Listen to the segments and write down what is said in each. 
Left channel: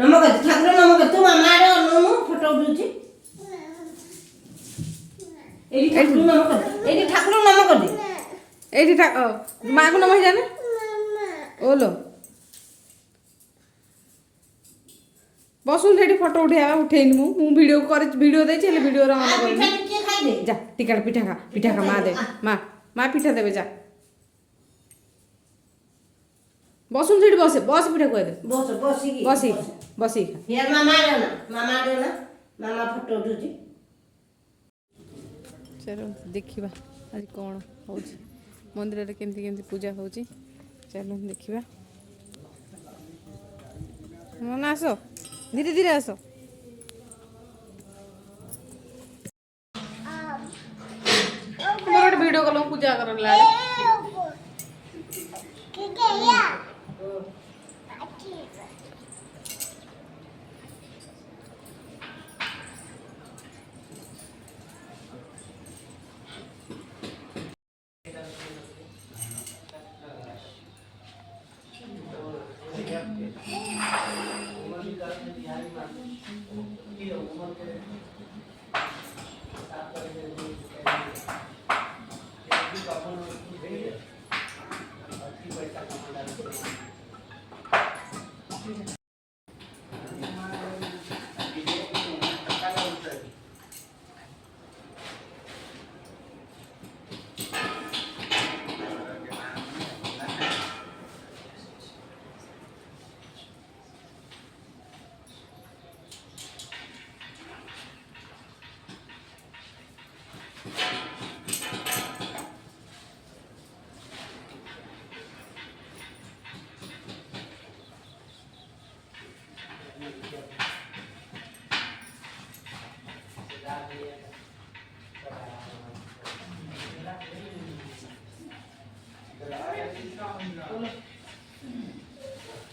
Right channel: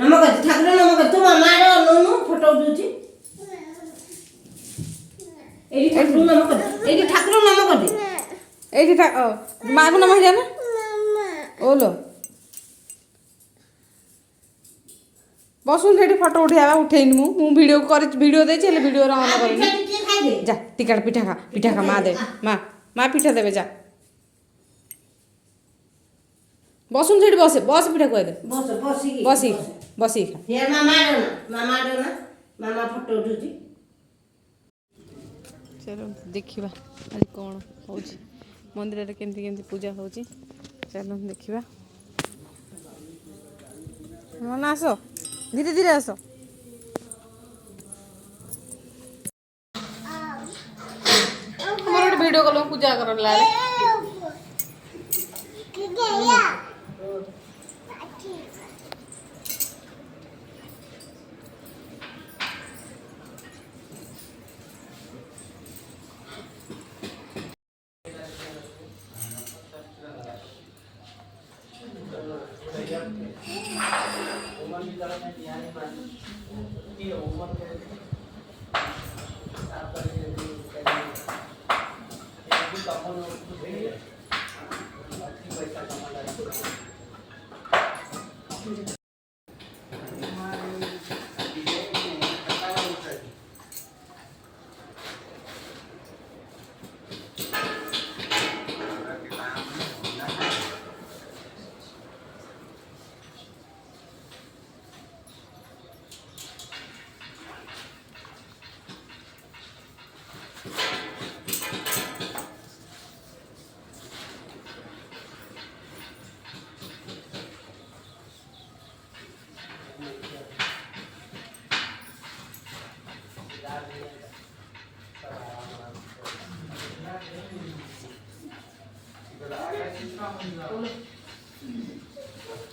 नमक ठाकुर नमक तू मामा नो फोटो उठुची एडी ठाकुर नमक दे एठी माँ को नमक जाने ओलो बसुन से फोटो उठा उठेनी मु वीडियो कर वीडियो दे वीडियो ऑन करनी जा टिका पिठा खा माँ दे माँ पिठा देवे जा बसुन से बस बस पिठा खुआ दे बसी खा यार मामा फोटो उठुची चलो देखा आज कौन हो मंदिर में केमती केमती पूजा हो चलो देखा मन आस धीरे धीरे आस मोर गोटे वीडियो कल पूजा कर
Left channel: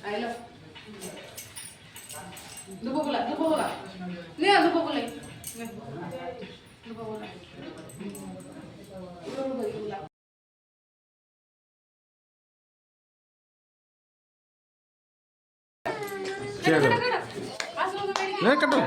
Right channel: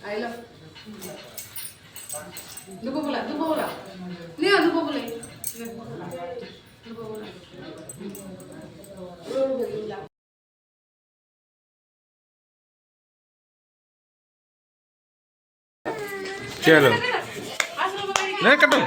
आइलो दुबो बोला ले आ दुबो बोला चलो नहीं कटो